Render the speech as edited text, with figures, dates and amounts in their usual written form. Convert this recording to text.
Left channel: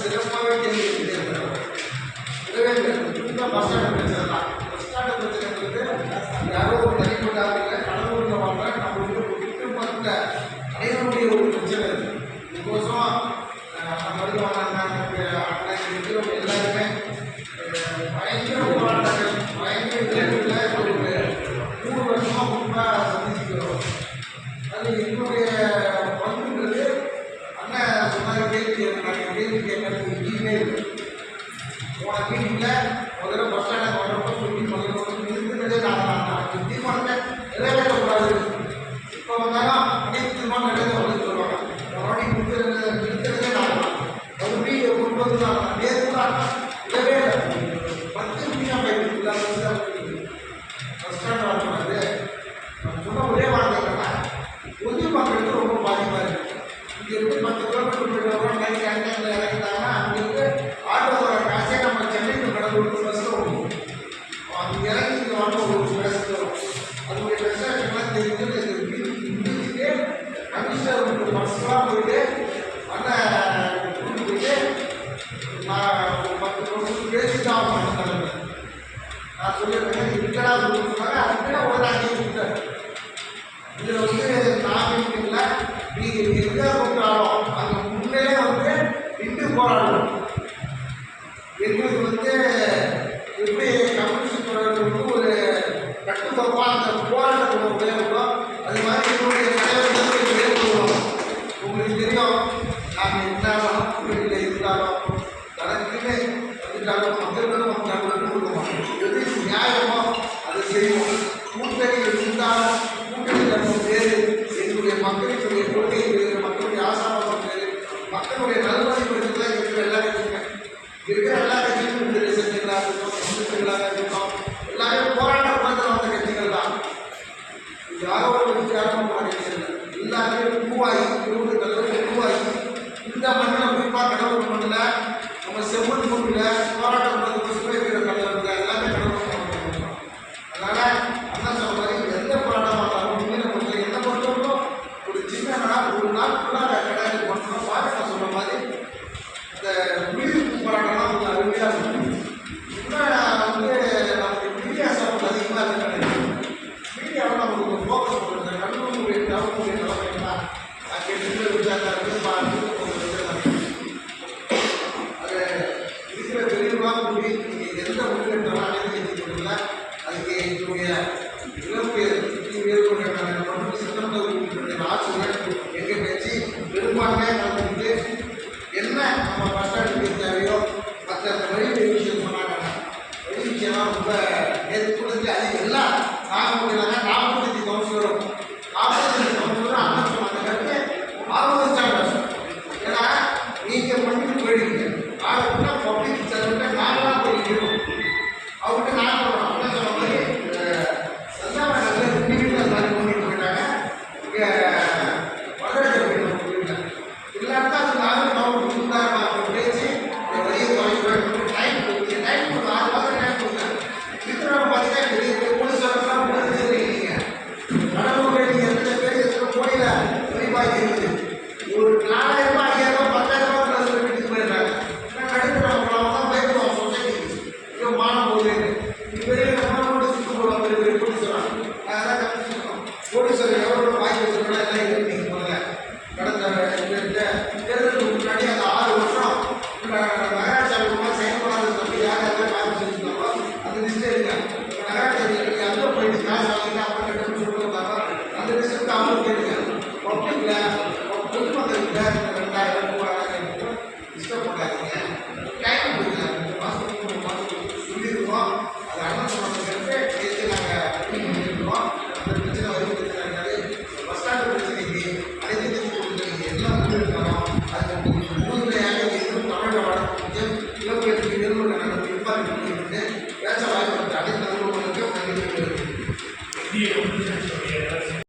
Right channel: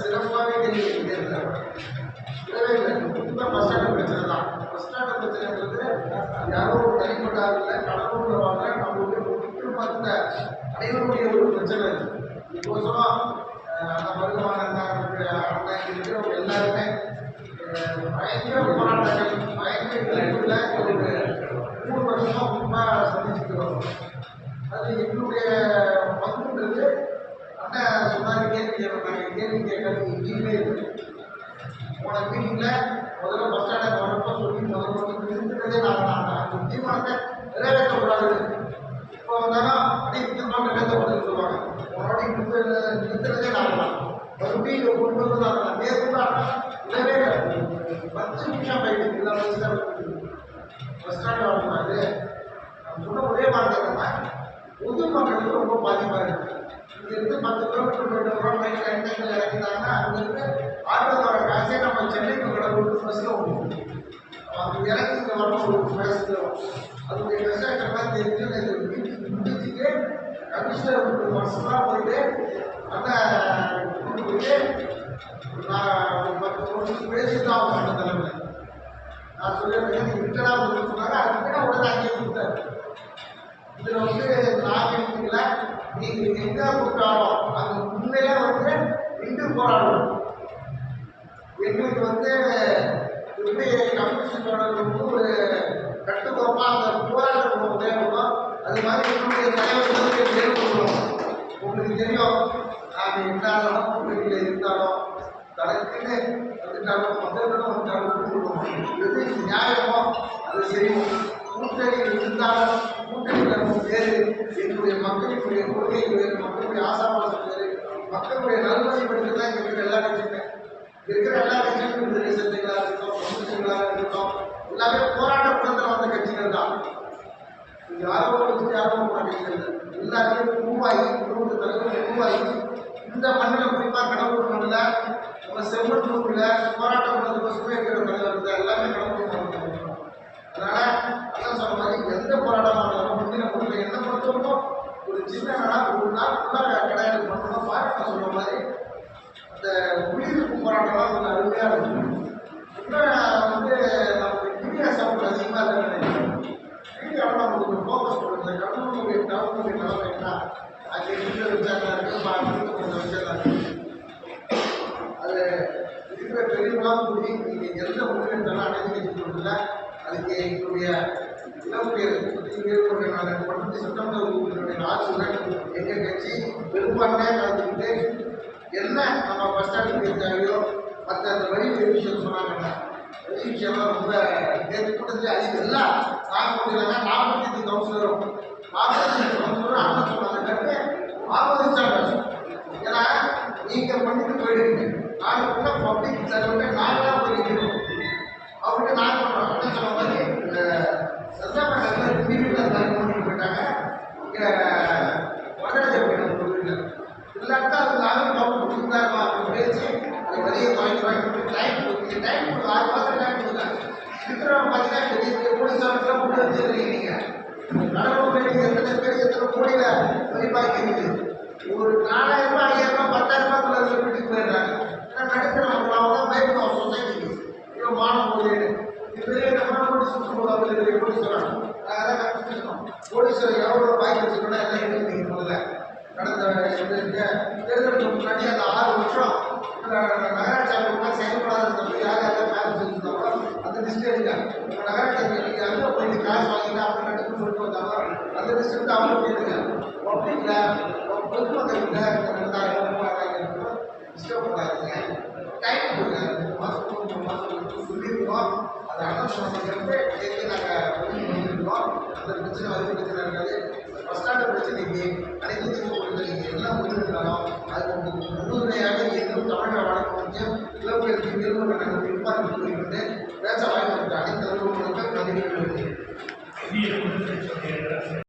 சிறப்பாகவே யாரோ ஒரு தனிப்பட்ட கடவுள் வாழ்ற நம்ம விட்டு பார்த்த அனைவருடைய ஒரு பிரச்சனை இதுக்கோசரம் எல்லாருமே பயங்கர போராட்டங்கள் பயங்கர விளைவுகளில் ஒரு 3 வருஷமாக உண்மையாக சந்திச்சுக்கிறோம். அது என்னுடைய பங்குன்றது அண்ணன் சொன்னாங்க கேள்வி கேட்கறது எங்கேயுமே போன மீட்டிங்கில் முதல்ல பஸ் ஸ்டாண்டில் வர்றப்போ சொல்லி முதல்ல இருந்துட்டதே நான் தீர்மானத்தை நிறைவேற்றக்கூடாது. இப்போ வந்தாலும் அனைத்துமாக நடந்து வந்து சொல்லுவாங்க உன்னோட நிறுத்துறதே நான் மறுபடியும் கொண்டு தான் நேற்று தான் இதவே 10 நிமிஷம் போயிட்டு பஸ் ஸ்டாண்ட் வரக்கூடாது. நான் சொன்ன ஒரே வார்த்தை என்னன்னா பொது மக்களுக்கு ரொம்ப பாதிப்பாக இருக்குது. இங்கிருந்து 10 கிலோமீட்டர் போயிட்டு வரோம் நைட் டைமில் இறங்கிட்டாங்கன்னா அங்கிருந்து ஆட்டோ வர காசே நம்ம சென்னைக்கு கடவுளுக்கு பஸ்ஸில் ஓடுவோம். அது இறங்கி இங்கே வரணும் ஒரு மெசேஜ் வரும். அதனுடைய மெசேஜ் எல்லாம் தெரிஞ்சு முடிச்சுட்டு கமிஷனர் பஸ்ஸெலாம் போயிட்டு அண்ணன் கூட்டு போயிட்டு நான் ஒரு 10 நிமிஷம் பேசி தான் அவங்க தலைமை நான் சொல்லியிருக்கேன் இருக்கடா சொன்னாங்க. அதுக்குன்னா உடனே அங்கேயே கொடுத்தாரு. இதில் நான் இல்லை நீங்கள் எங்கே கூப்பிட்டாலும் அங்கே முன்னையே நின்று போராடணும். எங்களுக்கு எப்படி கம்யூனிஸ்டோட ஒரு கட்டுக்கோப்பாக அந்த போராட்டத்தில் தேவைப்படும். அது மாதிரி என்னுடைய தலைவர்களுக்கு ஏற்படும். உங்களுக்கு தெரியும் நாங்கள் இருந்தாலும் வீட்டில் இருந்தாலும் தனக்குன்னு வந்துட்டாலும் மக்களும் கொடுக்கணும். எது நியாயமோ அதை செய்வோம். கூட்டணி இருந்தாலும் கூட்டணியில் நம்ம பேர் எங்களுடைய மக்களுடைய கொள்கை பேர் மக்களுடைய ஆசாபாசம் பேர் மக்களுடைய நல்வழிப்படுத்தி தான் இருக்கிற எல்லா கட்சியுமே இருக்கிற எல்லா கட்சியும் விடுதலை சக்திகளாக இருக்கட்டும் கம்யூனிஸ்டுகளாக இருக்கட்டும் எல்லாமே போராட்ட குளத்தில் வந்த கட்சிகள் தான். யாரோ ஒரு கட்சி யாரோ போன கட்சிகள் எல்லாருமே உருவாகி ஊருக்கு தலைவர் உருவாகி இந்த மண்ணில் குறிப்பாக கடவுள் மண்ணில் நம்ம செம்மண் மண்ணில் போராட்ட குளத்துக்கு சுமைக்கிற தலைவர் எல்லாமே கடவுள் பண்ணுறோம். அதனால் அண்ணன் சொன்ன மாதிரி எந்த போராட்டமாக இருந்தாலும் முன்னிலை பொறுத்த எந்த பொறுத்தவரைக்கும் ஒரு சின்ன ஒரு நாள் ஃபுல்லாக கடையில் பண்ணணும். பாக்கிட்ட சொன்ன மாதிரி இந்த உயிர்ப்பு போராட்டம்லாம் கொஞ்சம் அருமையாக இருக்கும். இன்னும் நமக்கு மீடியா சப்போர்ட் அதிகமாக இருக்குன்னு மீடியாவில் நமக்கு ஃபோக்கஸ் பண்ணுறது கடவுளுடைய டவுனுடைய நிலைமை என்ன அங்கே இருக்கிற விஷயத்தான் இருக்குது பார்த்து கொஞ்சம் விஷயத்தான் இருக்குது. அது இருக்கிற தெளிவாக கூடி நீங்கள் எந்த முன்னேற்றம் அனைத்து அதுக்கு எங்களுடைய இலக்கு ஏற்பட்ட சட்டமன்ற ஆட்சியுடன் எங்கள் கட்சி பெரும்பான்மையாக கலந்துக்கிட்டு என்ன நம்ம பஸ் ஸ்டாண்டுக்கு தேவையோ மற்ற வழி விஷயம் சொன்னாங்க. வழி விஷயம்லாம் ரொம்ப ஏற்படுத்தி அது எல்லாம் நாங்கள் முடியலாங்க. 45 கவுன்சிலரும் 45 கவுன்சிலரும் அண்ணன் சொன்னாங்க ஆர்வதிச்சாங்க. ஏன்னா நீங்கள் பண்ணிட்டு போயிடுவீங்க நாங்கள் பப்ளிக் சர்வெண்ட்டை நாங்களாக போயிருக்கோம். அவர்கிட்ட நான் சொல்கிறோம் அண்ணன் சொன்ன மாதிரி செல்லாமல் டிவியில் எல்லாரும் பண்ணிட்டு போயிட்டாங்க. இங்கே வடராஜ போயிட்டாங்க. இல்லாட்டா அது நாங்கள் கவர்மெண்ட் கொடுத்தாருமா அப்படின்னு பேசி வெளியே டைம் கொடுத்து 6 மாதம் டைம் கொடுத்தாங்க. விக்ரம் பார்த்தீங்கன்னா போலீஸாரெல்லாம் கொடுத்துருக்கீங்க நடவு வேண்டிய 2 பேர் எத்தனை கோடியில் வெளிப்பாய்க்கு இருக்குது. ஒரு 4000 ரூபாய் 5000 ரூபாய் 10,000 ரூபாய் வீட்டுக்கு போயிடுறாங்க. நடுத்தர தான் பயப்படுவோம் சொசைட்டிக்கு ஐயோ மானம் போகுது பெரிய பெரிய போலீஸ் வராங்க. அதான் கற்றுக்கணும் போலீஸர் எவ்வளோ வாங்கி வச்சுக்கணும் எல்லாம் இருக்கு. நீங்கள் முதல்ல கடந்த தேர்தலுக்கு முன்னாடி அந்த 6 வருஷம் நகராட்சி அலுவலகம் செயல்படாத சொல்லி யார் யாரும் காசு செஞ்சுருந்தாங்களோ அந்த லிஸ்ட்டே இருக்காங்க. நகராட்சி அங்கே போயிட்டு காசு வாங்கிட்டு அப்புறம் கட்டுன்னு சொல்லிட்டு வந்தாங்க. அந்த லிஸ்ட்டு அவங்க கேளுங்க. பப்ளிக்கில் பொதுமக்கள்கிட்ட 2000 3000 லிஸ்ட்டை போடாதீங்க. டைம் கொடுங்க. 3 மாதத்துக்கு 3 மாதத்துக்கு சொல்லியிருக்கோம். அது அண்ணன் சொன்னதுக்கு நேற்று நாங்கள் பண்ணியிருக்கோம். அந்த பிரச்சனை வரி பிரச்சனை இருக்காது. பஸ் ஸ்டாண்டு பிரச்சனைக்கு அனைத்து பிரச்சனைக்கு எல்லாம் முன்னெடுக்கணும். அதுக்கு முன்னுரையாக எங்கும் தமிழக வழக்கு இளவுகளுக்கு நிறுவனம் நாங்கள் இம்பார்ட் பண்ணிட்டு பேச வாய்ப்பு அனைத்து நிறுவனங்களுக்கு நன்றி.